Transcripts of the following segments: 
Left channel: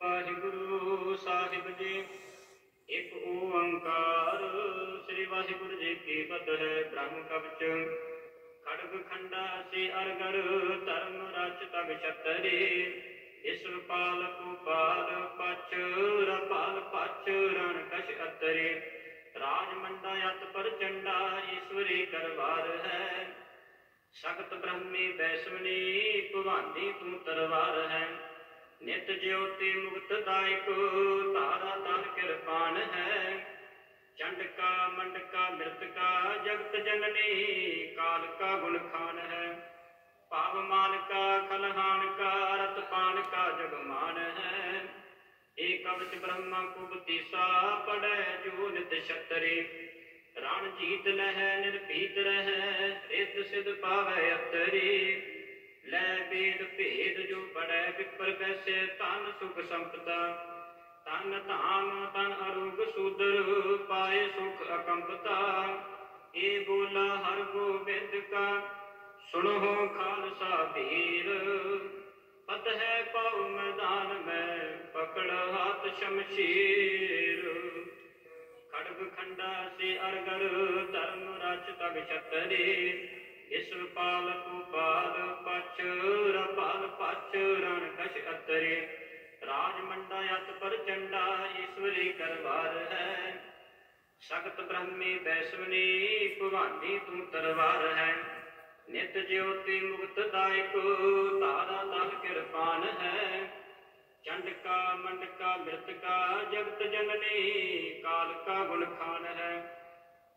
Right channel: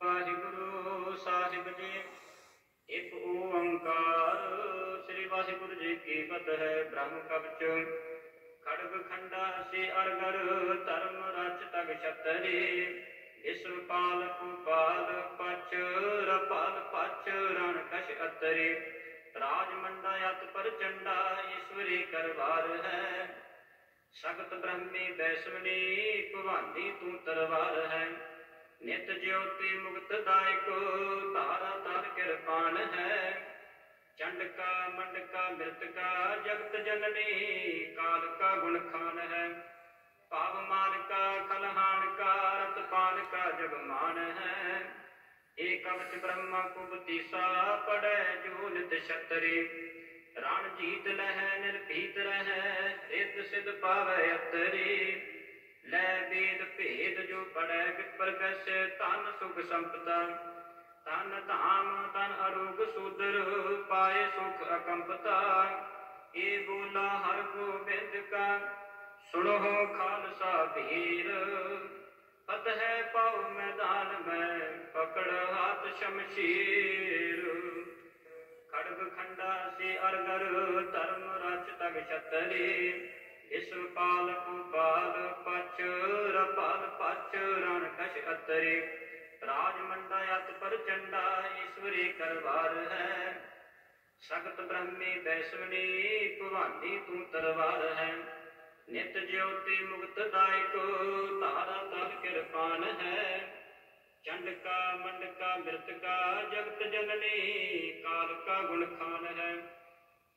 वाहिगुरु साहिब जी। एक ओंकार श्री वाहिगुरु जी की फतह। ब्रह्म कवच खड़ग खंडा से अरगर धर्म रच तग छतरी। विश्वपाल भूपाल पच रपाल पच रण कश अतरी। राजमंडा अत प्रचंडा ईश्वरी करवार है। सख्त ब्रह्मी वैष्णवी भवानी तू तरवार है। नित ज्योति मुक्त दायक तारा तार कृपान है। चंडका मंडका मृतका जगत जननी काल का गुण खान है। पाव मान का खलहान का रतपान का जगमान है। एक कवच ब्रह्मा कुबतीसा पड़े जो नित छतरी। रण जीत लह निर्भीत रह रित सिद्ध पावे अतरी। लै वेद भेद जो पढ़ै विपर कैसे तन सुख संपदा। तन धाम तन अरोग सूदर पाए सुख अकंपता। ये बोला हर गोबिंद का सुनो खालसा वीर। फतह पाओ मैदान में पकड़ हाथ शमशीर। खड़ग खंडा से अरगर धर्म रच तग छतरी। विश्वपाल भूपाल पच रपाल पच रण कश अतरी। राजमंडा अत प्रचंडा ईश्वरी करवार है। सख्त ब्रह्मी वैष्णवी भवानी तू तरवार है। नित ज्योति मुक्त दायक तारा ताल कृपान है। चंडका मंडका मृतका जगत जननी काल का गुण खान है।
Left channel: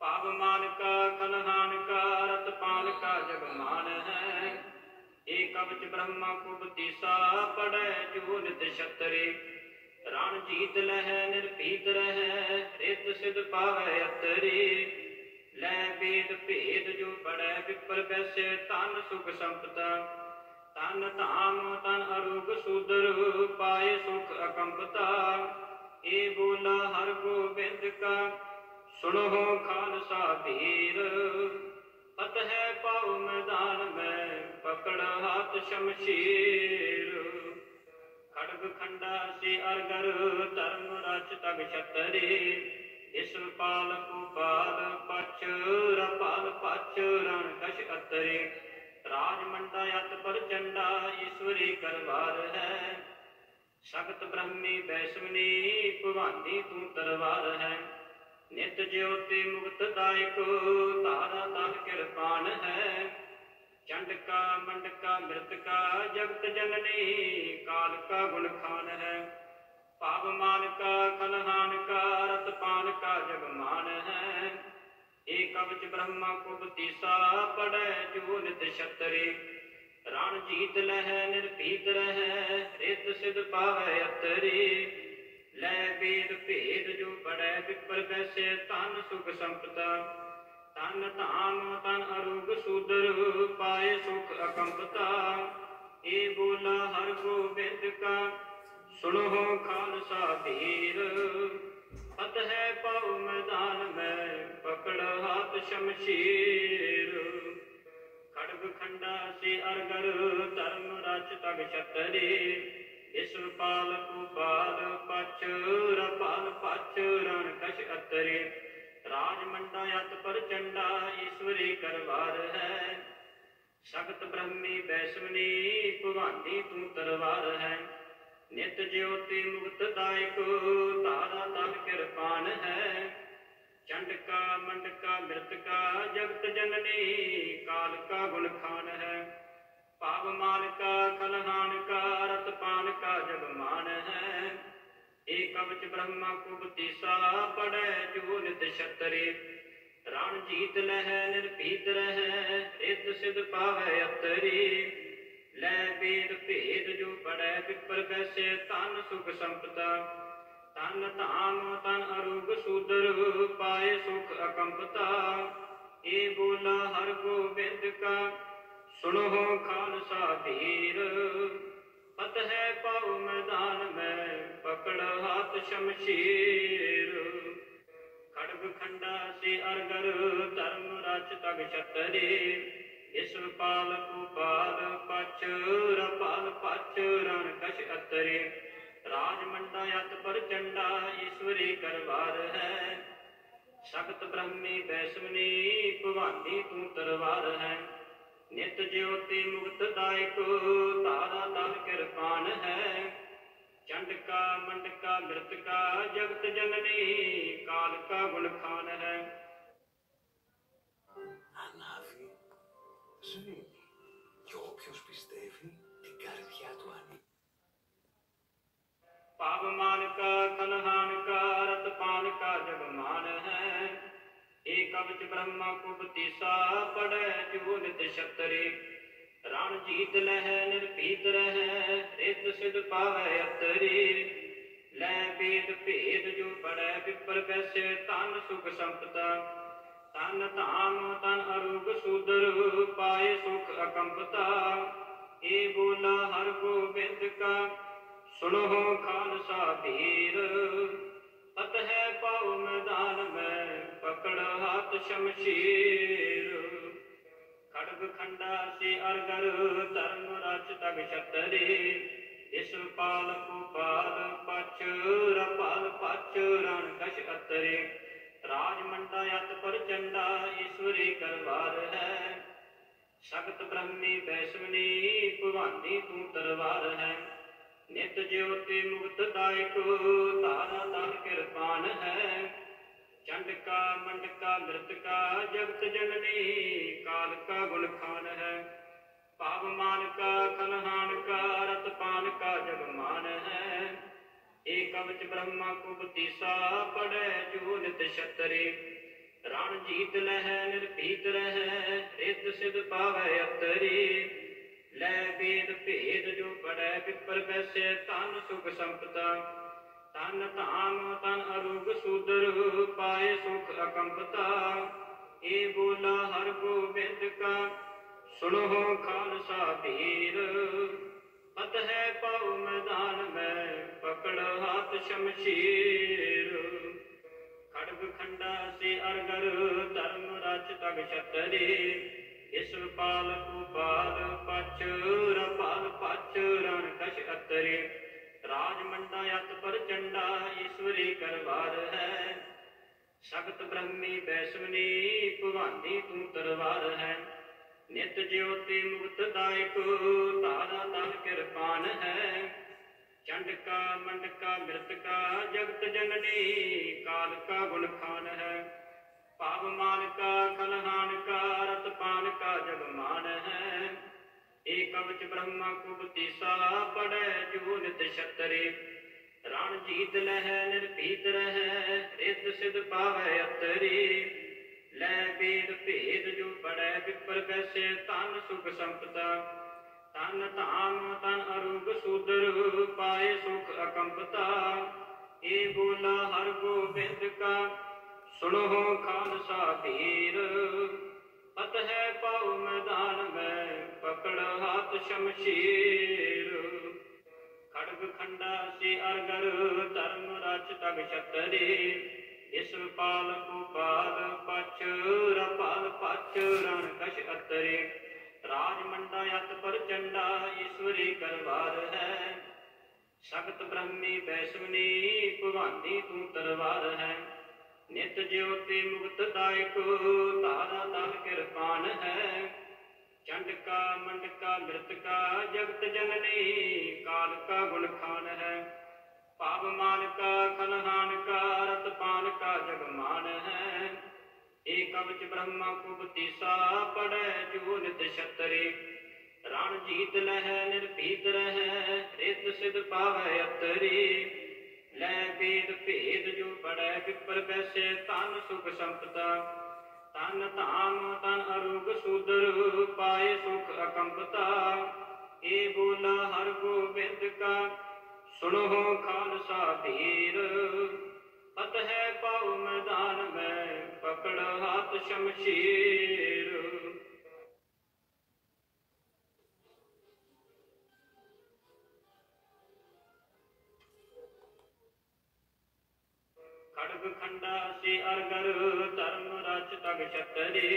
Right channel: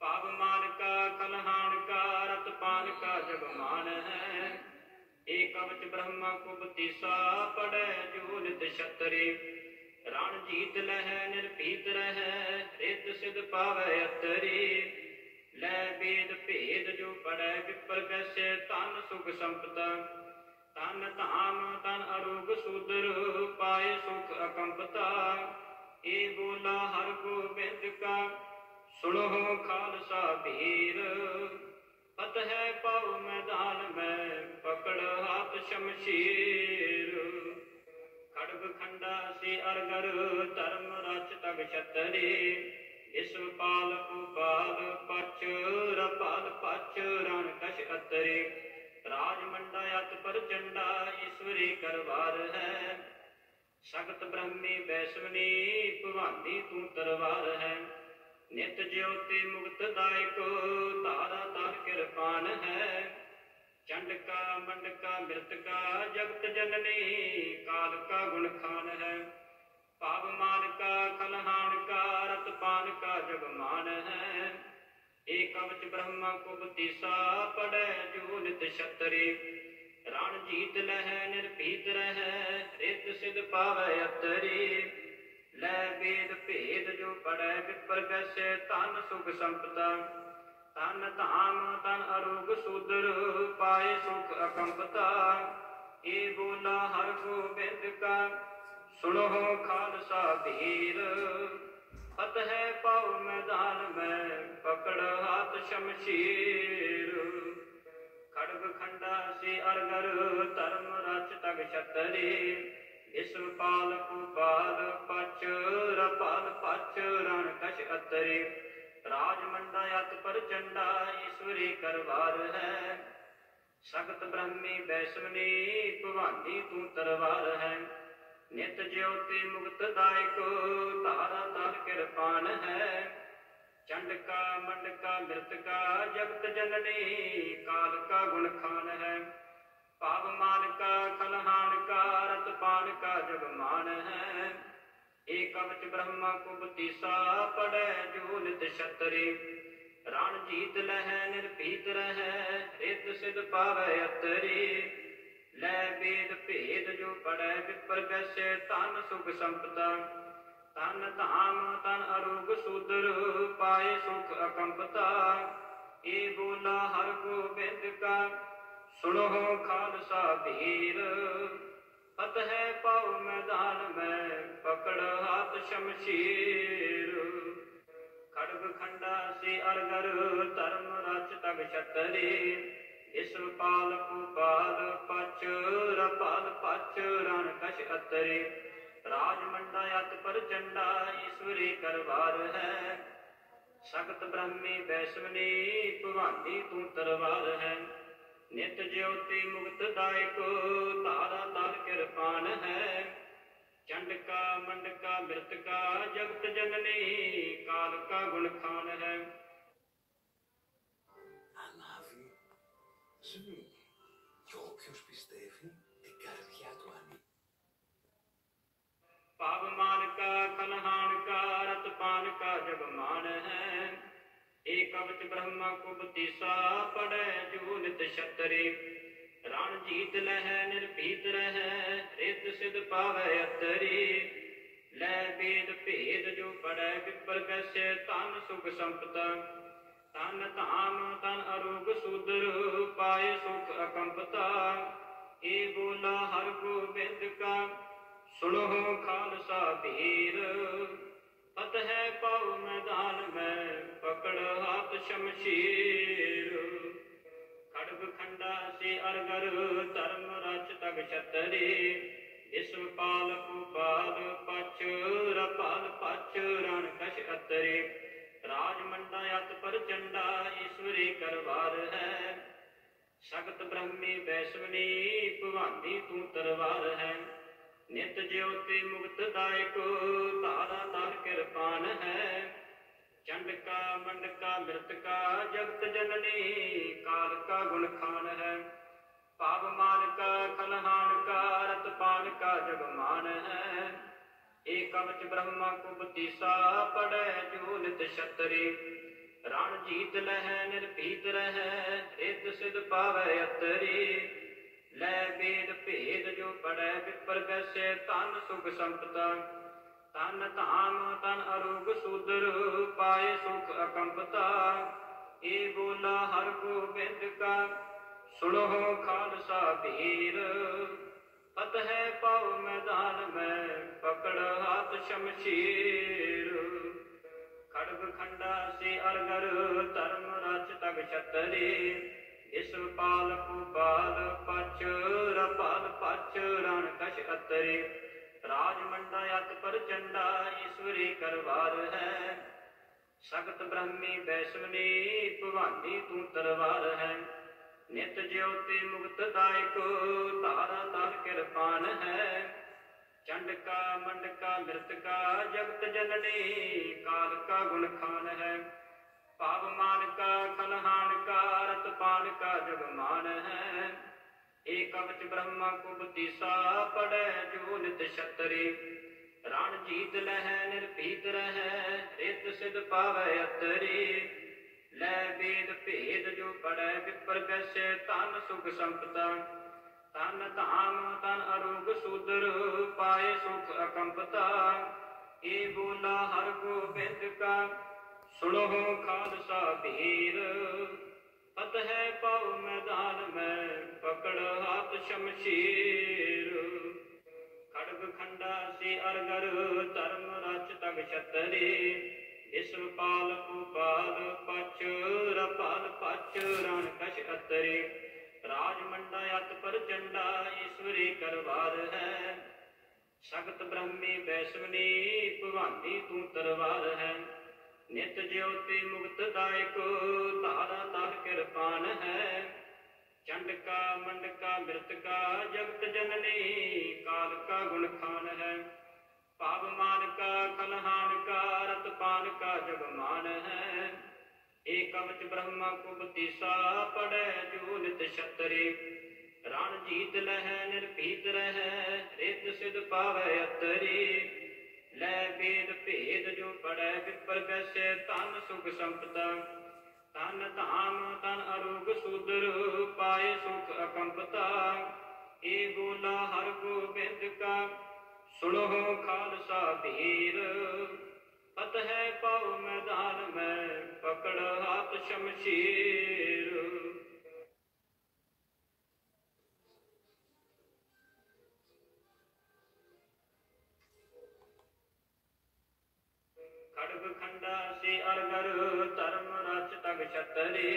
पाव मान का खलहान का रतपान का जगमान है। एक कवच ब्रह्मा कुबतीसा पड़े जो नित छतरी। रण जीत लह निर्भीत रह रित सिद्ध पावे अतरी। लै वेद भेद जो पढ़ै विपर कैसे तन सुख संपदा। तन धाम तन अरोग सूदर पाए सुख अकंपता। ये बोला हर गोबिंद का सुनो खालसा वीर। फतह पाओ मैदान में पकड़ हाथ शमशीर। खड़ग खंडा से अरगर धर्म रच तग छतरी। विश्वपाल भूपाल पच रपाल पच रण कश अतरी। राजमंडा अत प्रचंडा ईश्वरी करवार है। सख्त ब्रह्मी वैष्णवी भवानी तू तरवार है। नित ज्योति मुक्त दायक तारा ताल कृपान है। चंडका मंडका मृतका जगत जननी काल का गुण खान है। पाव मान का खलहान का रतपान का जगमान है। एक कवच ब्रह्मा कुबतीसा पड़े जो नित छतरी। रण जीत लह निर्भीत रह रित सिद्ध पावे अतरी। लै वेद भेद जो पढ़ै विपर कैसे तन सुख संपदा। तन धाम तन अरोग सूदर पाए सुख अकंपता। ये बोला हर गोबिंद का सुनो खालसा वीर। फतह पाओ मैदान में पकड़ हाथ शमशीर। खड़ग खंडा से अरगर धर्म रच तग छतरी। विश्वपाल भूपाल पच रपाल पच रण कश अतरी। राजमंडा अत प्रचंडा ईश्वरी करवार है। सख्त ब्रह्मी वैष्णवी भवानी तू तरवार है। नित ज्योति मुक्त दायक तारा ताल कृपान है। चंडका मंडका मृतका जगत जननी काल का गुण खान है। पाव मान का खलहान का रतपान का जगमान है। एक कवच ब्रह्मा कुबतीसा पड़े जो नित छतरी। रण जीत लह निर्भीत रह रित सिद्ध पावे अतरी। लै वेद भेद जो पढ़ै विपर कैसे तन सुख संपदा। तन धाम तन अरोग सूदर पाए सुख अकंपता। ये बोला हर गोबिंद का सुनो खालसा वीर। फतह पाओ मैदान में पकड़ हाथ शमशीर। खड़ग खंडा से अरगर धर्म रच तग छतरी। विश्वपाल भूपाल पच रपाल पच रण कश अतरी। राज मंडा अत पर चंडा ईश्वरी करवार है। सख्त ब्रह्मी वैष्णवी भवानी तू तरवार है। नित ज्योति मुक्त दायको तारा ताल कृपान है। चंडका मंडका मृतका जगत जननी काल का गुण खान है। Ανάβει, σβήνει κι όποιος πιστεύει την καρδιά του ανοίγει. पावमान का खलहान का रतपान का जगमान है। एक कवच ब्रह्मा कुबतीसा पड़े जो नित क्षत्रि। रण जीत लह निर्भीत रह रित सिद्ध पावै अतरी। लै वेद भेद जो पड़े विपर कैसे तन सुख संपदा। तन धाम तन अरूप सूदर पाए सुख अकंपता। ए बोला हर गोबिंद का सुनो खालसा पीर। फतह पाओ मैदान में पकड़ हाथ शमशीर। खड़ग खंडा से अरगर धर्म रच तग क्षत्रि। विश्वपाल कुपाल पच रपाल पच रण कश अतरे। राज मंडा अत पर चंडा ईश्वरी करवार है। सख्त ब्रह्मी वैष्णवी भवानी तू तरवार है। नित ज्योति मुक्त दायको तारा ताल कृपान है। चंडका मंडका मृतका जगत जननी काल का गुण खान है। पावमान का खलहान का रतपान का जगमान है। एक कवच ब्रह्मा कुबतीसा पड़े जो नित क्षत्रि। रण जीत लह निर्भीत रह रित सिद्ध पावै अतरी। लै वेद भेद जो पड़े विपर कैसे तन सुख संपदा। तन धाम तन अरूप सूदर पाए सुख अकंपता। ए बोला हर गोबिंद का सुनो खालसा पीर। फतह पाओ मैदान में पकड़ हाथ शमशीर। खड़ग खंडा से अरगर धर्म रच तग क्षत्रि। विश्वपाल कुपाल पच रपाल पच रण कश अतरे। राज मंडा अत पर चंडा ईश्वरी करवार है। सख्त ब्रह्मी वैष्णवी भवानी तू तरवार है। नित ज्योति मुक्त दायको तारा ताल कृपान है। चंडका मंडका मृतका जगत जननी काल का गुण खान है। पावमान का खलहान का रतपान का जगमान है। एक कवच ब्रह्मा कुबतीसा पड़े जो नित क्षत्रि। रण जीत लह निर्भीत रह रित सिद्ध पावै अतरी। लै वेद भेद जो पड़े विपर कैसे तन सुख संपदा। तन धाम तन अरूप सूदर पाए सुख अकंपता। ए बोला हर गोबिंद का सुनो खालसा पीर। फतह पाओ मैदान में पकड़ हाथ शमशीर। खड़ग खंडा से अरगर धर्म रच तग क्षत्रि। विश्वपाल कुपाल पच रपाल पच रण कश अतरे। राज मंडा अत पर चंडा ईश्वरी करवार है। सख्त ब्रह्मी वैष्णवी भवानी तू तरवार है। नित ज्योति मुक्त दायको तारा ताल कृपान है। चंडका मंडका मृतका जगत जननी काल का गुण खान है। पावमान का खलहान का रतपान का जगमान है। एक कवच ब्रह्मा कुबतीसा पड़े जो नित क्षत्रि। रण जीत लह निर्भीत रह रित सिद्ध पावै अतरी। लै वेद भेद जो पड़े विपर कैसे तन सुख संपदा। तन धाम तन अरूप सूदर पाए सुख अकंपता। ए बोला हर गोबिंद का सुनो खालसा पीर। फतह पाओ मैदान में पकड़ हाथ शमशीर। खड़ग खंडा से अरगर धर्म रच तग क्षत्रि।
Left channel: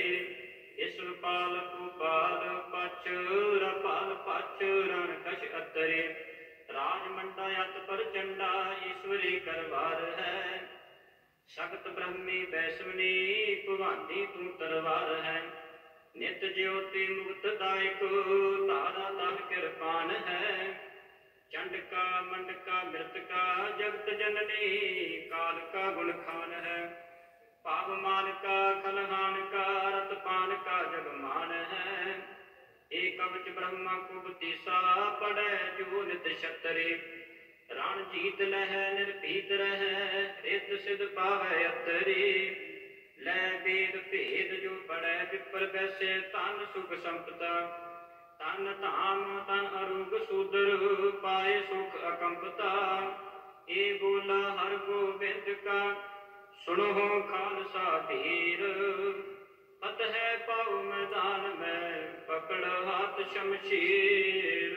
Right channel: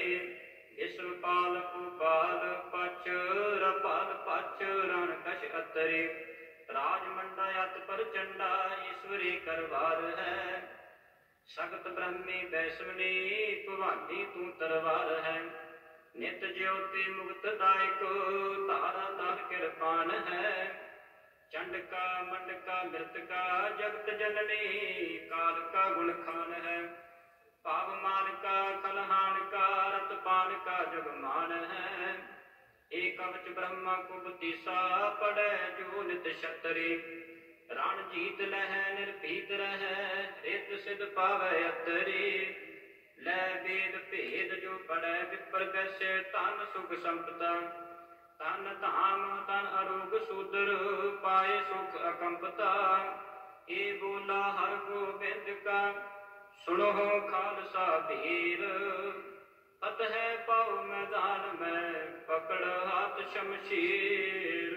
विश्वपाल कुपाल पच रपाल पच रण कश अतरे। ਰਾਜ ਮੰਡਾ ਅਤ ਪ੍ਰਚੰਡਾ ਈਸ਼ਵਰੀ ਕਰਵਾਰ ਹੈ। ਸਖਤ ਬ੍ਰਹਮੀ ਬੈਸਵਨੀ ਭਵਾਨੀ ਤੂੰ ਤਰਵਾਰ ਹੈ। ਨਿਤ ਜਿਉਤੀ ਮੁਕਤ ਦਾਇਕ ਤਾਰਾ ਤਲ ਕਿਰਪਾਨ ਹੈ। ਚੰਡਕਾ ਮੰਡਕਾ ਮ੍ਰਿਤਕਾ ਜਗਤ ਜਨਨੀ ਕਾਲ ਕਾ ਗੁਣ ਖਾਨ ਹੈ। ਭਾਵ ਮਾਨਕਾ ਖਲਹਾਨ ਕਾ ਰਤ ਪਾਨ ਕਾ ਜਗਮਾਨ ਹੈ। ਏ ਕਵਚ ਬ੍ਰਹਮਾ ਕੁਬਤੀਸਾ ਪੜੈ ਜੋ ਨਿਤ ਛਤਰੀ। ਰਣ ਜੀਤ ਲਹੈ ਨਿਰਭੀਤ ਰਹੈ ਰਿਤ ਸਿਧ ਪਾਵੈ ਅਤਰੀ। ਲੈ ਵੇਦ ਭੇਦ ਜੋ ਪੜੈ ਵਿਪਰ ਬੈਸੇ ਧਨ ਸੁਖ ਸੰਪਦਾ। ਤਨ ਧਾਮ ਤਨ ਅਰੋਗ ਸੂਦਰ ਪਾਏ ਸੁਖ ਅਕੰਪਤਾ। ਏ ਬੋਲਾ ਹਰ ਗੋਬਿੰਦ ਕਾ ਸੁਣੋ ਖਾਲਸਾ ਧੀਰ। ਫਤਿਹ ਪਾਉ ਮੈਦਾਨ ਮੈਂ ਪਕੜ ਹੱਥ ਸ਼ਮਸ਼ੀਰ।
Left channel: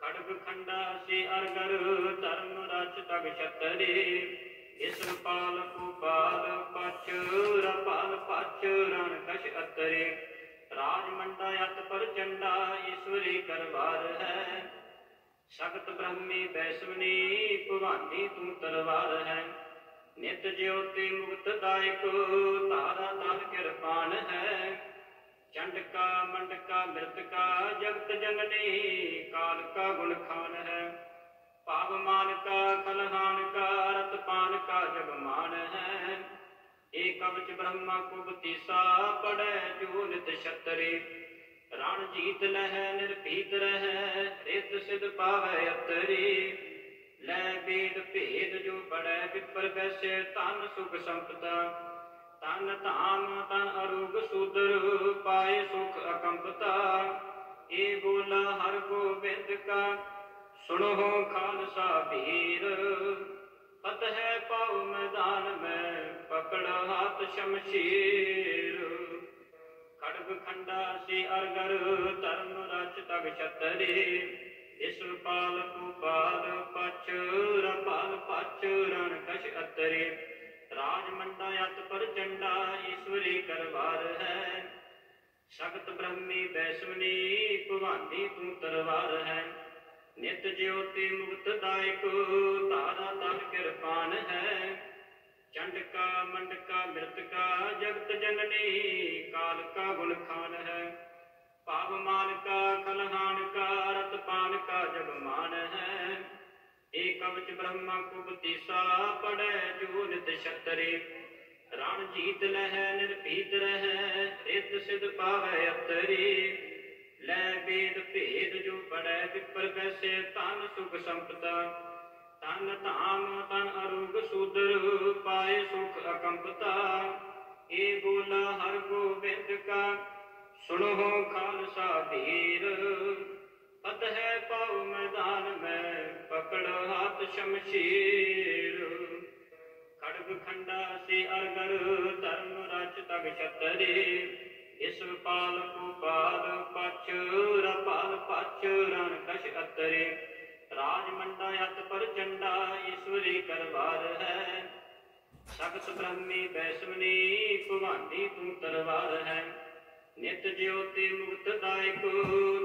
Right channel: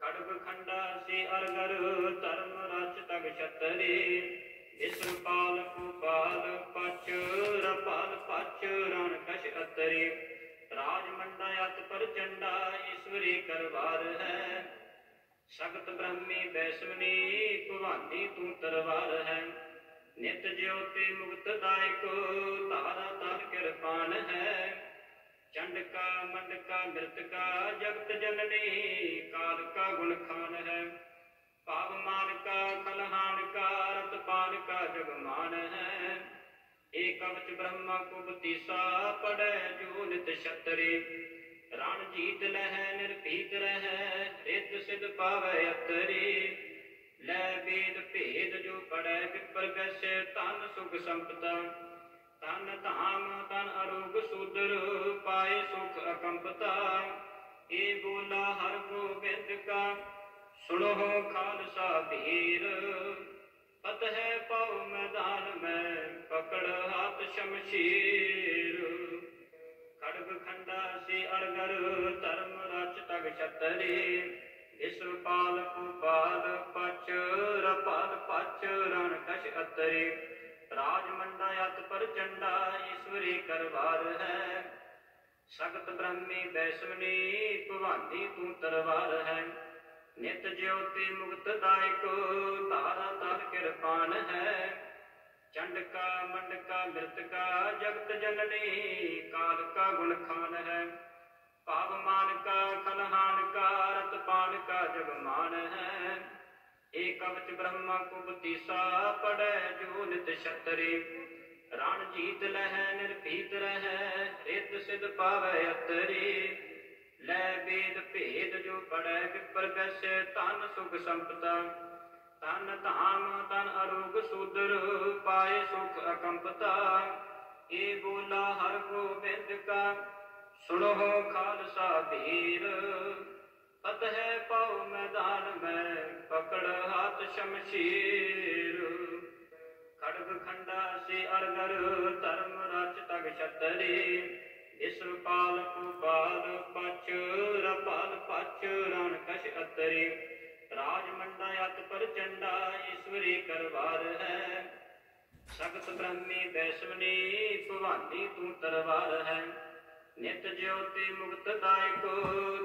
ਖੜਗ ਖੰਡਾ ਸੀ ਅਰਗਰ ਧਰਮ ਰਚ ਤਗ ਛਤਰੀ। ਇਸ ਪਾਲ ਭੂਪਾਲ ਪਛ ਰਪਾਲ ਪਛ ਰਣ ਕਛ ਅਤਰੀ। ਰਾਜ ਮੰਡਾ ਅਤ ਪ੍ਰਚੰਡਾ ਈਸ਼ਵਰੀ ਕਰਵਾਰ ਹੈ। ਸਖਤ ਬ੍ਰਹਮੀ ਬੈਸਵਨੀ ਭਵਾਨੀ ਤੂੰ ਤਰਵਾਰ ਹੈ। ਨਿਤ ਜਿਉਤੀ ਮੁਕਤ ਦਾਇਕ ਤਾਰਾ ਤਲ ਕਿਰਪਾਨ ਹੈ। ਚੰਡਕਾ ਮੰਡਕਾ ਮ੍ਰਿਤਕਾ ਜਗਤ ਜਨਨੀ ਕਾਲ ਕਾ ਗੁਣ ਖਾਨ ਹੈ। ਭਾਵ ਮਾਨਕਾ ਖਲਹਾਨ ਕਾ ਰਤ ਪਾਨ ਕਾ ਜਗਮਾਨ ਹੈ। ਏ ਕਵਚ ਬ੍ਰਹਮਾ ਕੁਬਤੀਸਾ ਪੜੈ ਜੋ ਨਿਤ ਛਤਰੀ। ਰਣ ਜੀਤ ਲਹੈ ਨਿਰਭੀਤ ਰਹੈ ਰਿਤ ਸਿਧ ਪਾਵੈ ਅਤਰੀ। ਲੈ ਵੇਦ ਭੇਦ ਜੋ ਪੜੈ ਵਿਪਰ ਬੈਸੇ ਧਨ ਸੁਖ ਸੰਪਦਾ। ਤਨ ਧਾਮ ਤਨ ਅਰੋਗ ਸੂਦਰ ਪਾਏ ਸੁਖ ਅਕੰਪਤਾ। ਏ ਬੋਲਾ ਹਰ ਗੋਬਿੰਦ ਕਾ ਸੁਣੋ ਖਾਲਸਾ ਵੀਰ। ਫਤਿਹ ਪਾਉ ਮੈਦਾਨ ਮੈਂ ਪਕੜ ਹੱਥ ਸ਼ਮਸ਼ੀਰ। ਖੜਗ ਖੰਡਾ ਸੀ ਅਰਗਰ ਧਰਮ ਰਚ ਤਗ ਛਤਰੀ। ਇਸ ਪਾਲ ਭੂਪਾਲ ਪਛ ਰਪਾਲ ਪਛ ਰਣ ਕਛ ਅਤਰੀ। ਰਾਜ ਮੰਡਾ ਅਤ ਪ੍ਰਚੰਡਾ ਈਸ਼ਵਰੀ ਕਰਵਾਰ ਹੈ। ਸਖਤ ਬ੍ਰਹਮੀ ਬੈਸਵਨੀ ਭਵਾਨੀ ਤੂੰ ਤਰਵਾਰ ਹੈ। ਨਿਤ ਜਿਉਤੀ ਮੁਕਤ ਦਾਇਕ ਤਾਰਾ ਤਲ ਕਿਰਪਾਨ ਹੈ। ਚੰਡਕਾ ਮੰਡਕਾ ਮ੍ਰਿਤਕਾ ਜਗਤ ਜਨਨੀ ਕਾਲ ਕਾ ਗੁਣ ਖਾਨ ਹੈ। ਭਾਵ ਮਾਨਕਾ ਖਲਹਾਨ ਕਾ ਰਤ ਪਾਨ ਕਾ ਜਗਮਾਨ ਹੈ। ਏ ਕਵਚ ਬ੍ਰਹਮਾ ਕੁਬਤੀਸਾ ਪੜੈ ਜੋ ਨਿਤ ਛਤਰੀ। ਰਣ ਜੀਤ ਲਹੈ ਨਿਰਭੀਤ ਰਹੈ ਰਿਤ ਸਿਧ ਪਾਵੈ ਅਤਰੀ। ਲੈ ਵੇਦ ਭੇਦ ਜੋ ਪੜੈ ਵਿਪਰ ਬੈਸੇ ਧਨ ਸੁਖ ਸੰਪਦਾ। ਤਨ ਧਾਮ ਤਨ ਅਰੋਗ ਸੂਦਰ ਪਾਏ ਸੁਖ ਅਕੰਪਤਾ। ਏ ਬੋਲਾ ਹਰ ਗੋਬਿੰਦ ਕਾ ਸੁਣੋ ਖਾਲਸਾ ਧੀਰ। ਫਤਿਹ ਪਾਉ ਮੈਦਾਨ ਮੈਂ ਪਕੜ ਹੱਥ ਸ਼ਮਸ਼ੀਰ। ਖੜਗ ਖੰਡਾ ਸੀ ਅਰਗਰ ਧਰਮ ਰਚ ਤਗ ਛਤਰੀ। ਇਸ ਪਾਲ ਭੂਪਾਲ ਪਛ ਰਪਾਲ ਪਛ ਰਣ ਕਛ ਅਤਰੀ। ਰਾਜ ਮੰਡਾ ਅਤ ਪ੍ਰਚੰਡਾ ਈਸ਼ਵਰੀ ਕਰਵਾਰ ਹੈ। ਸਖਤ ਬ੍ਰਹਮੀ ਬੈਸਵਨੀ ਭਵਾਨੀ ਤੂੰ ਤਰਵਾਰ ਹੈ। ਨਿਤ ਜਿਉਤੀ ਮੁਕਤ ਦਾਇਕ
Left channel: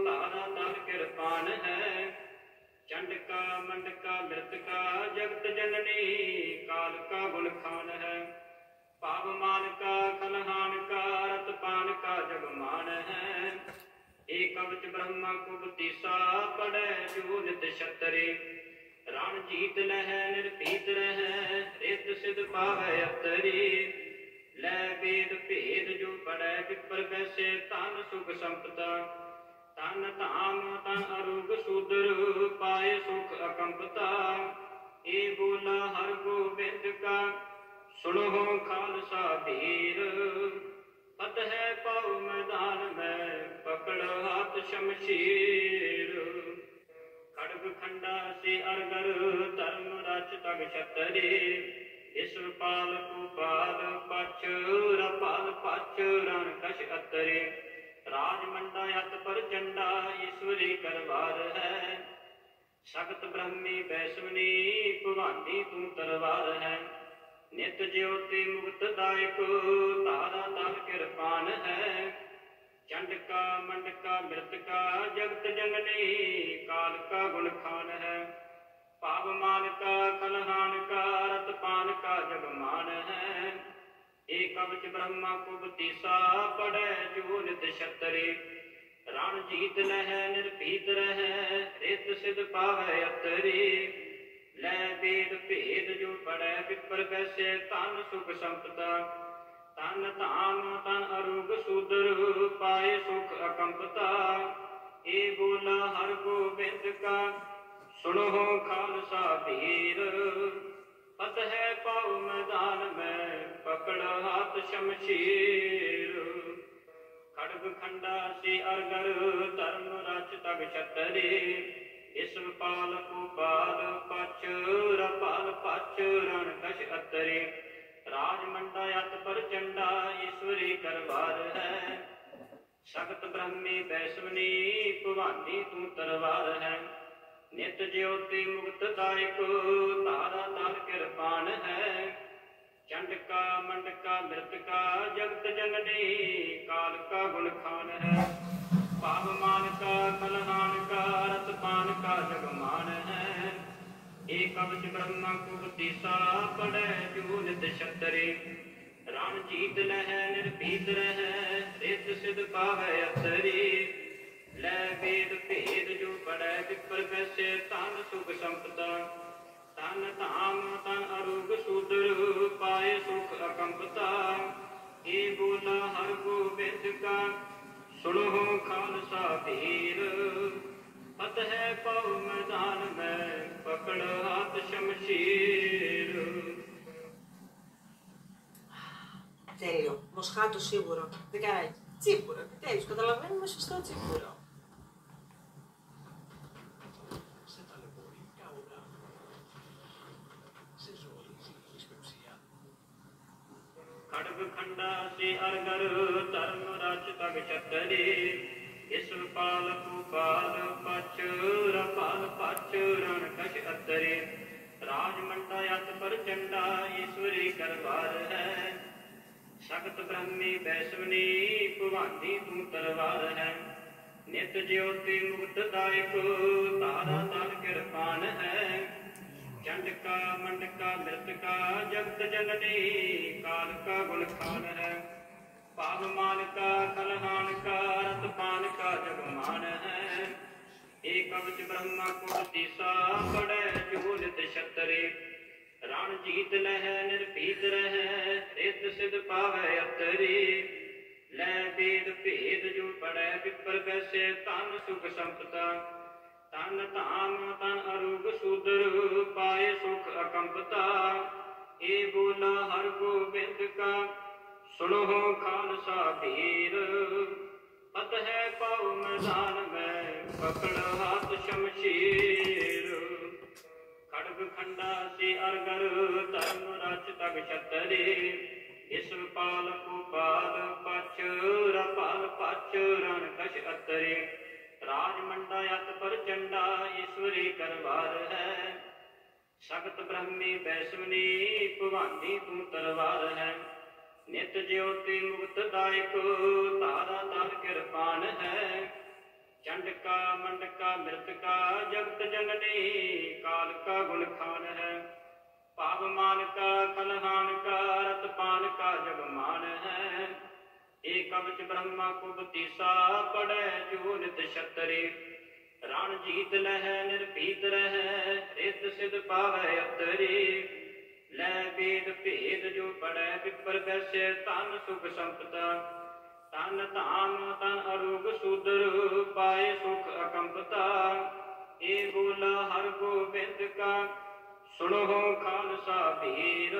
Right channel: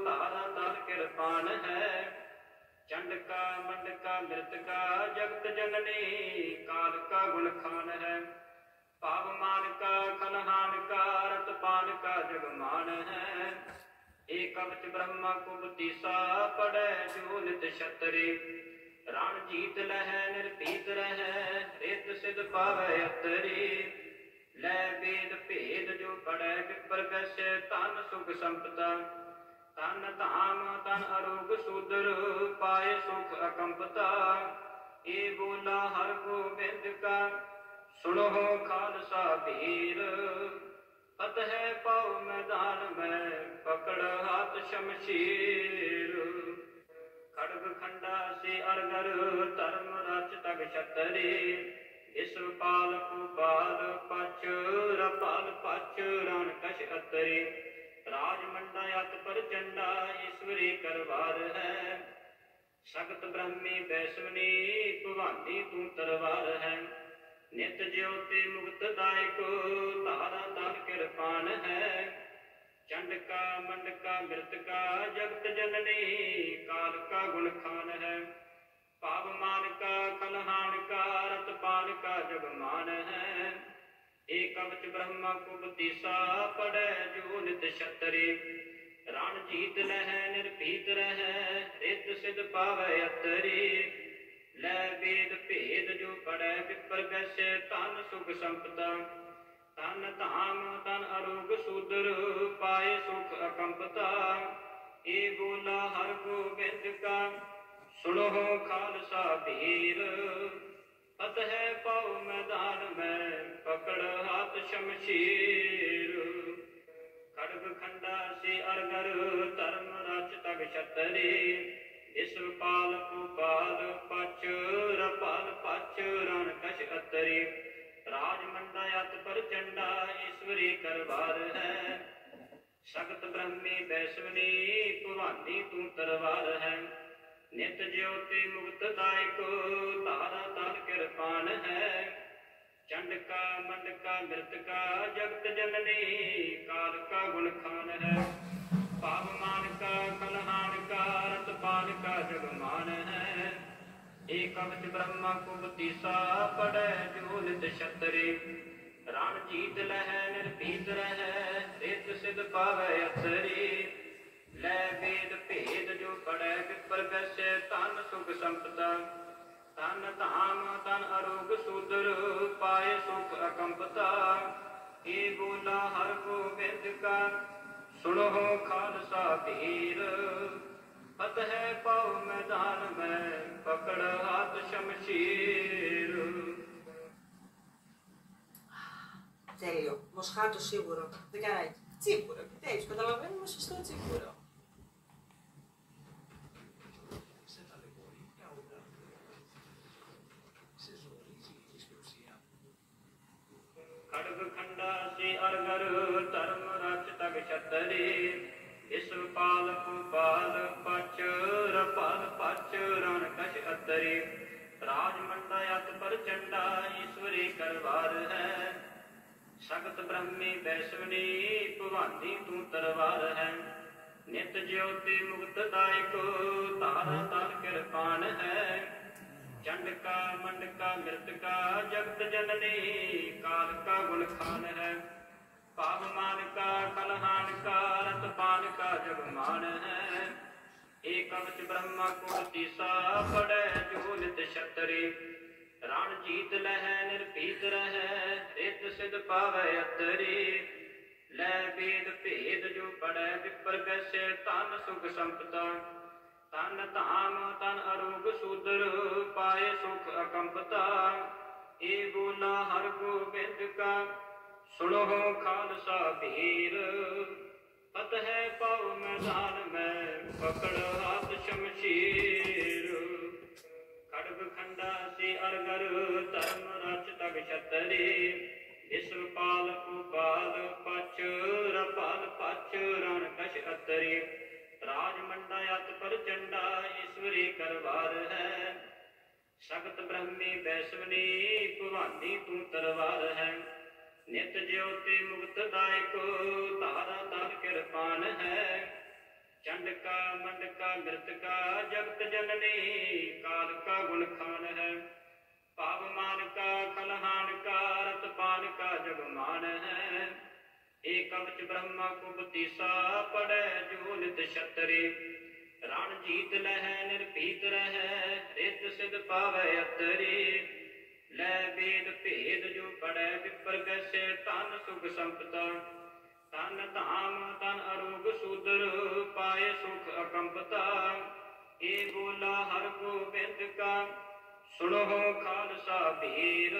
ਤਾਰਾ ਤਲ ਕਿਰਪਾਨ ਹੈ। ਚੰਡਕਾ ਮੰਡਕਾ ਮ੍ਰਿਤਕਾ ਜਗਤ ਜਨਨੀ ਕਾਲ ਕਾ ਗੁਣ ਖਾਨ ਹੈ। ਭਾਵ ਮਾਨਕਾ ਖਲਹਾਨ ਕਾ ਰਤ ਪਾਨ ਕਾ ਜਗਮਾਨ ਹੈ। ਏ ਕਵਚ ਬ੍ਰਹਮਾ ਕੁਬਤੀਸਾ ਪੜੈ ਜੋ ਨਿਤ ਛਤਰੀ। ਰਣ ਜੀਤ ਲਹੈ ਨਿਰਭੀਤ ਰਹੈ ਰਿਤ ਸਿਧ ਪਾਵੈ ਅਤਰੀ। ਲੈ ਵੇਦ ਭੇਦ ਜੋ ਪੜੈ ਵਿਪਰ ਬੈਸੇ ਧਨ ਸੁਖ ਸੰਪਦਾ। ਤਨ ਧਾਮ ਤਨ ਅਰੋਗ ਸੂਦਰ ਪਾਏ ਸੁਖ ਅਕੰਪਤਾ। ਏ ਬੋਲਾ ਹਰ ਗੋਬਿੰਦ ਕਾ ਸੁਣੋ ਖਾਲਸਾ ਵੀਰ। ਫਤਿਹ ਪਾਉ ਮੈਦਾਨ ਮੈਂ ਪਕੜ ਹੱਥ ਸ਼ਮਸ਼ੀਰ। ਖੜਗ ਖੰਡਾ ਸੀ ਅਰਗਰ ਧਰਮ ਰਚ ਤਗ ਛਤਰੀ। ਇਸ ਪਾਲ ਭੂਪਾਲ ਪਛ ਰਪਾਲ ਪਛ ਰਣ ਕਛ ਅਤਰੀ। ਰਾਜ ਮੰਡਾ ਅਤ ਪ੍ਰਚੰਡਾ ਈਸ਼ਵਰੀ ਕਰਵਾਰ ਹੈ। ਸਖਤ ਬ੍ਰਹਮੀ ਬੈਸਵਨੀ ਭਵਾਨੀ ਤੂੰ ਤਰਵਾਰ ਹੈ। ਨਿਤ ਜਿਉਤੀ ਮੁਕਤ ਦਾਇਕ ਤਾਰਾ ਤਲ ਕਿਰਪਾਨ ਹੈ। चंड का मंड का मृत का जगत जननी काल का गुण खान है पाव मान का कलहान का रतपान का जगमान है एक कवच ब्रह्मा कुबतीसा पड़े जो नित क्षत्रि रण जीत लह निर्भीत रह रित सिद्ध पावै अतरी लै वेद भेद जो पड़े विपर कैसे तन सुख संपदा तन धाम तन अरोग सूदर पाए सुख अकंपता ए बोला हर गोबिंद का सुनो खालसा वीर फतह पाओ मैदान में पकड़ हाथ शमशीर खड़ग खंडा से अरगर धर्म रच तग छतरी विश्व पाल गोपाल पच रपाल पच रण कश अतरी राजमंडा अत पर चंडा ईश्वरी करवार है सगत ब्रह्मी वैश्वनी भवानी तू तरवार है नित ज्योति मुक्त दायक तारा तार कृपान है चंड का मंड का मृत का जगत जननी काल का गुण खान है पावमान का कलहान का रतपान का जगमान है एक कवच ब्रह्मा कुबतीसा पड़े जो नित क्षत्रि रण जीत लह निर्भीत रह रित सिद्ध पावै अतरी लै वेद भेद जो पड़े विपर कैसे तन सुख संपदा तन धाम तन अरोग सूदर पाए सुख अकंपता ए बोला हर गोबिंद का सुनो खालसा वीर फतह पाओ मैदान में पकड़ हाथ शमशीर. Τέλειο. Μοσχάτο σίγουρο. Δεν κάνει έτσι. Τσίπουρο. Επιτέλους, καταλαβαίνουμε σωστό τσίπουρο. Σε ταλαιπωρεί καούρα. Σε ζορίζει η σπευσιά. खड़ग खंडा से अरगर धर्म रच तग छतरी इस पाल गोपाल पच रपाल पच रण कश अतरी राजमंडा अत पर चंडा ईश्वरी करवार है सगत ब्रह्मी वैश्वनी भवानी तू तरवार है नित ज्योति मुक्त दायक तारा तार कृपान है चंड का मंड का मृत का जगत जननी काल का गुण खान है पावमान का कलहान का रतपान का जगमान है एक कवच ब्रह्मा कुबतीसा पड़े जो नित क्षत्रि रण जीत लह निर्भीत रह रित सिद्ध पावै अतरी लै वेद भेद जो पड़े विपर कैसे तन सुख संपदा तन धाम तन अरोग सूदर पाए सुख अकंपता ए बोला हर गोबिंद का सुनो खालसा वीर फतह पाओ मैदान में पकड़ हाथ शमशीर खड़ग खंडा से अरगर धर्म रच तग छतरी विश्व पाल गोपाल पच रपाल पच रण कश अतरी राजमंडा अत पर चंडा ईश्वरी करवार है सगत ब्रह्मी वैश्वनी भवानी तू तरवार है नित ज्योति मुक्त दायक तारा तार कृपान है चंड का मंड का मृत का जगत जननी काल का गुण खान है पावमान का कलहान का रतपान का जगमान है एक कवच ब्रह्मा कुबतीसा पड़े जो नित क्षत्रि रण जीत लह निर्भीत रह रित सिद्ध पावै अतरी लै वेद भेद जो पड़े विपर कैसे तन सुख संपदा तन धाम तन अरोग सूदर पाए सुख अकंपता ए बोला हर गोबिंद का सुनो खालसा वीर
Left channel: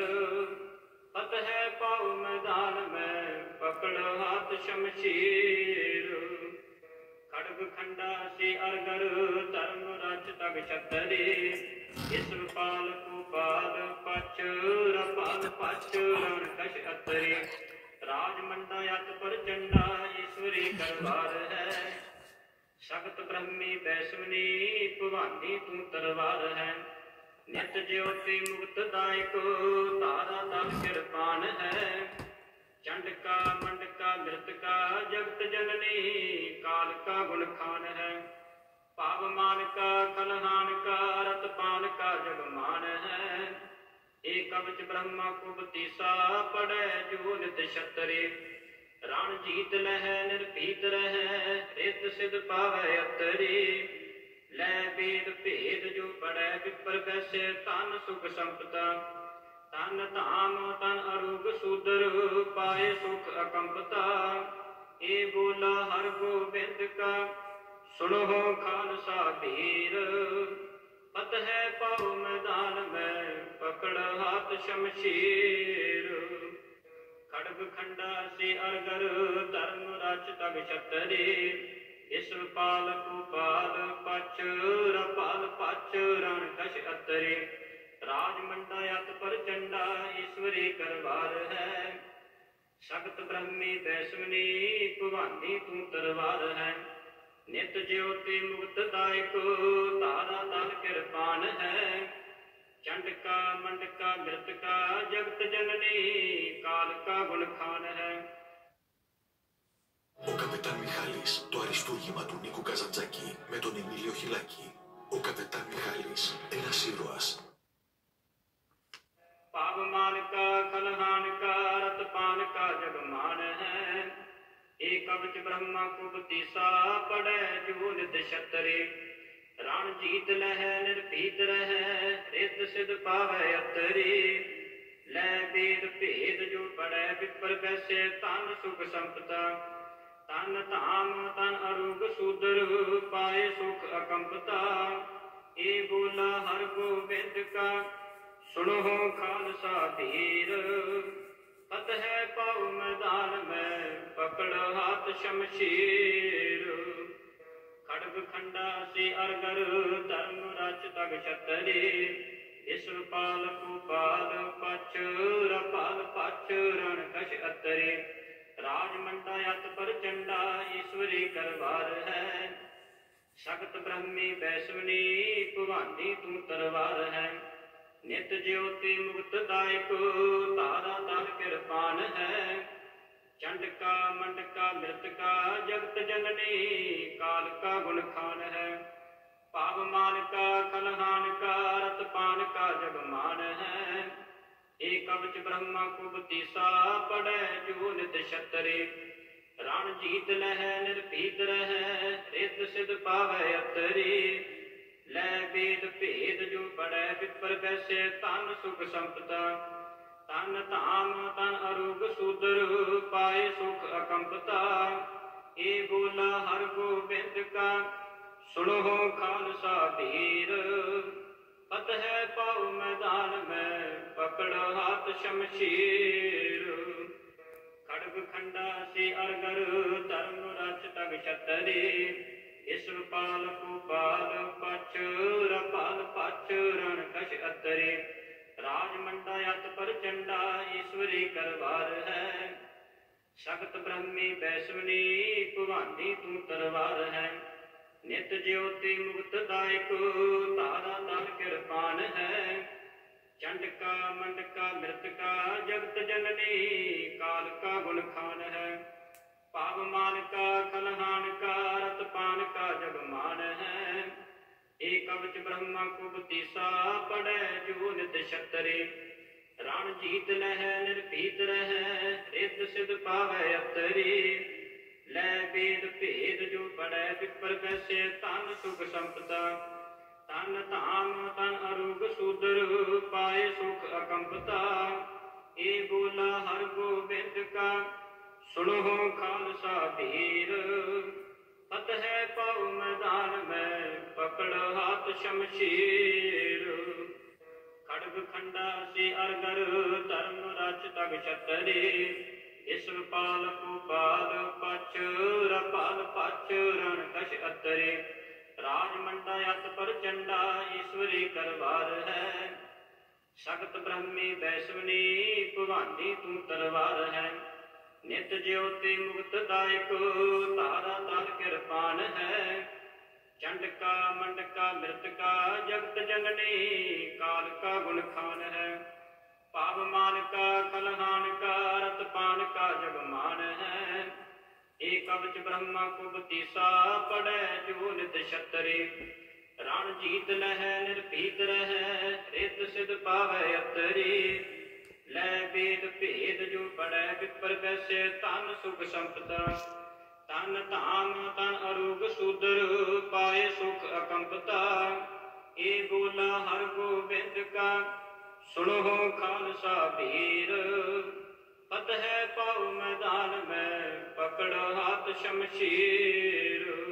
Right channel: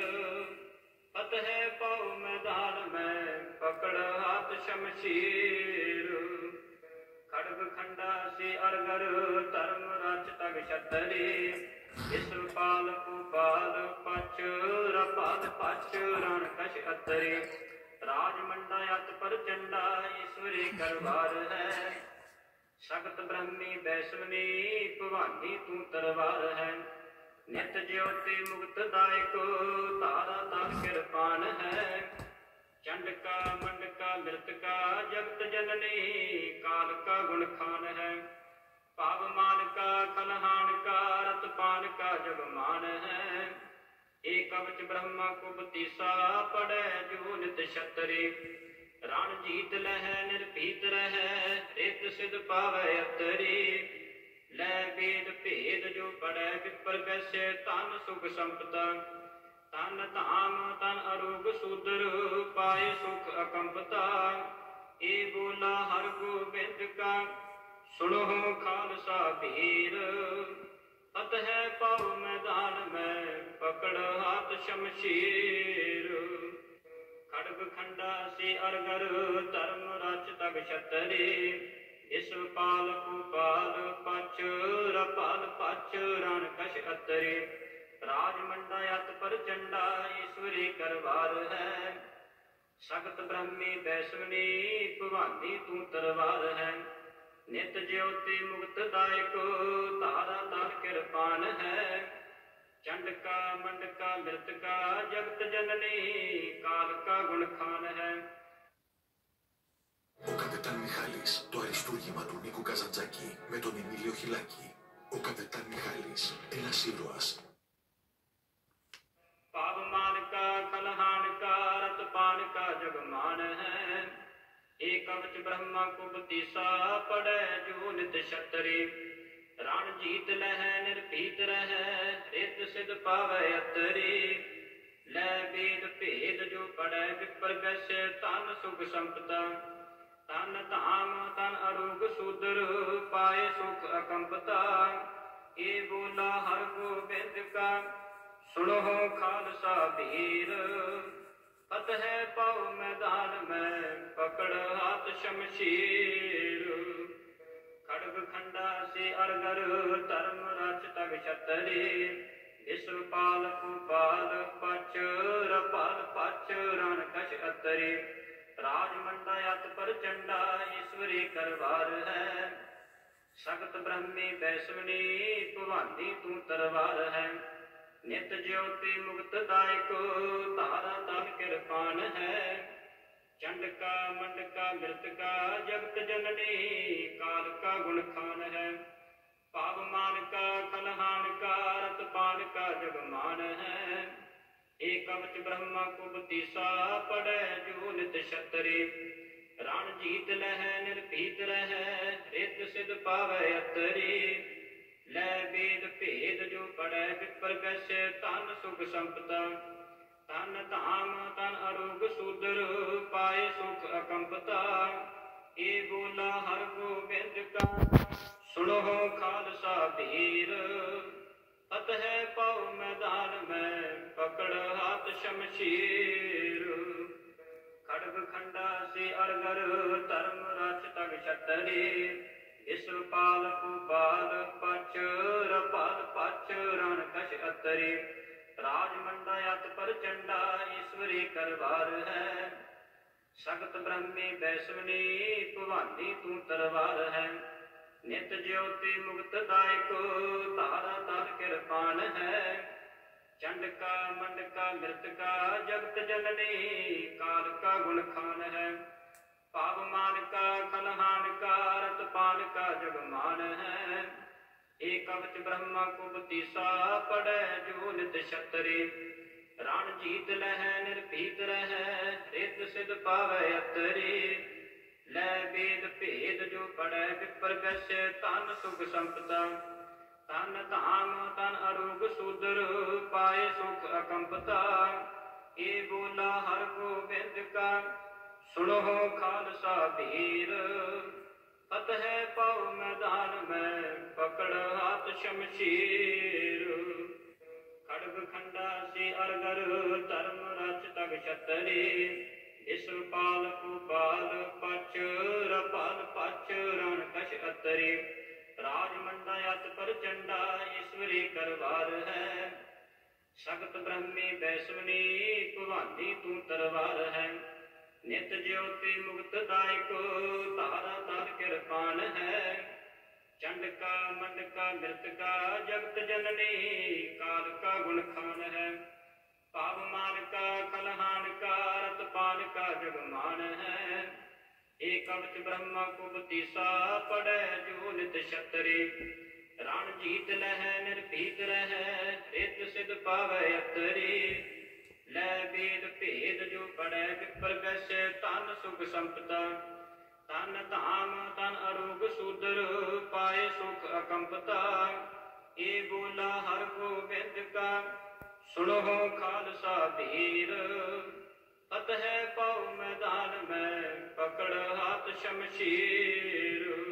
फतह पाओ मैदान में पकड़ हाथ शमशीर खड़ग खंडा से अरगर धर्म रच तग छतरी इस पाल गोपाल पच रपाल पच रण कश अतरी राजमंडा अत पर चंडा ईश्वरी करवार है सगत ब्रह्मी वैश्वनी भवानी तू तरवार है नित ज्योति मुक्त दायक तारा तार कृपान है चंडका मंडका मृतका जगत जननी काल का गुण खान है। पावमान का खलहान का रतपान का जग मान है। एक कवच ब्रह्मा को बतीसा पड़े जो नित क्षत्रि। रण जीत लह निर्भीत रह रित सिद्ध पावै अतरी। लै वेद भेद जो पढ़ै विपर वैसे तन सुख संपदा। तन धाम तन अरोग सूदर पाए सुख अकंपता। ए बोला हर गोबिंद का सुनो खालसा वीर। पत है पाओ मैदान में पकड़ हाथ शमशीर। खड़ग खंडा से अरगर धर्म रच तग क्षत्रि। विश्वपाल भूपाल पच रपाल पच रण कश अतरे। राजमंडा अत पर चंडा ईश्वरी करवार है। सख्त ब्रह्मी वैष्णवी भवानी तू तरवार है। नित ज्योति मुक्त दायक तारा तार कृपान है। चंडका मंडका मृतका जगत जननी काल का गुण खान है। Ο καπετάν Μιχάλης, το αριστούργημα του Νίκου Καζαντζάκη με τον Εμίλιο Χιλάκη. Ο καπετάν Μιχάλης, ένας ήρωας. पावमान का खलहान का रतपान का जगमान है। एक कवच ब्रह्मा को बतीसा पड़े जो नित क्षत्रि। रण जीत लह निर्भीत रह रित सिद्ध पावै अतरी। लै वेद भेद जो पढ़ै विपर वैसे तन सुख संपदा। तन धाम तन अरोग सूदर पाए सुख अकंपता। ए बोला हर गोबिंद का सुनो खालसा वीर। पत है पाओ मैदान में पकड़ हाथ शमशीर। खड़ग खंडा से अरगर धर्म रच तग क्षत्रि। विश्वपाल भूपाल पच रपाल पच रण कश अतरे। राजमंडा अत पर चंडा ईश्वरी करवार है। सख्त ब्रह्मी वैष्णवी भवानी तू तरवार है। नित ज्योति मुक्त दायक तारा तार कृपान है। चंडका मंडका मृतका जगत जननी काल का गुण खान है। पावमान का खलहान का रतपान का जगमान है। एक कवच ब्रह्मा को बतीसा पड़े जो नित क्षत्रि। रण जीत लह निर्भीत रह रित सिद्ध पावै अतरी। लै वेद भेद जो पढ़ै विपर वैसे तन सुख संपदा। तन धाम तन अरोग सूदर पाए सुख अकंपता। ए बोला हर गोबिंद का सुनो खालसा वीर। पत है पाओ मैदान में पकड़ हाथ शमशीर। खड़ग खंडा से अरगर धर्म रच तग क्षत्रि। विश्वपाल भूपाल पच रपाल पच रण कश अतरे। राजमंडा अत पर चंडा ईश्वरी करवार है। सख्त ब्रह्मी वैष्णवी भवानी तू तरवार है। नित ज्योति मुक्त दायक तारा तार कृपान है। चंडका मंडका मृतका जगत जननी काल का गुण खान है। पावमान का खलहान का रतपान का जगमान है। एक कवच ब्रह्मा को बतीसा पड़े जो नित क्षत्रि। रण जीत लह निर्भीत रह रित सिद्ध पावै अतरी। लै वेद भेद जो पढ़ै विपर वैसे तन सुख संपदा। तन धाम तन अरोग सूदर पाए सुख अकंपता। ए बोला हर गोबिंद का सुनो खालसा वीर। पत है पाओ मैदान में पकड़ हाथ शमशीर। खड़ग खंडा से अरगर धर्म रच तग क्षत्रि। विश्वपाल भूपाल पच रपाल पच रण कश अतरे। राजमंडा अत पर चंडा ईश्वरी करवार है। सख्त ब्रह्मी वैष्णवी भवानी तू तरवार है। नित ज्योति मुक्त दायक तारा तार कृपान है। चंडका मंडका मृतका जगत जननी काल का गुण खान है। पाव मान का कलहान का रत पान का जग मान है। एक कवच ब्रह्मा कुबतीसा पड़े जो नित क्षत्रि। रण जीत लह निर्भीत रह रित सिद्ध पावै अतरी। लै वेद भेद जो पढ़ै विपर वैश्य तन सुख संपदा। तन धाम तन अरोग सूदर पाए सुख अकंपता। ए बोला हर गोबिंद का सुनो खालसा वीर। फतह पाओ मैदान में पकड़ हाथ शमशीर।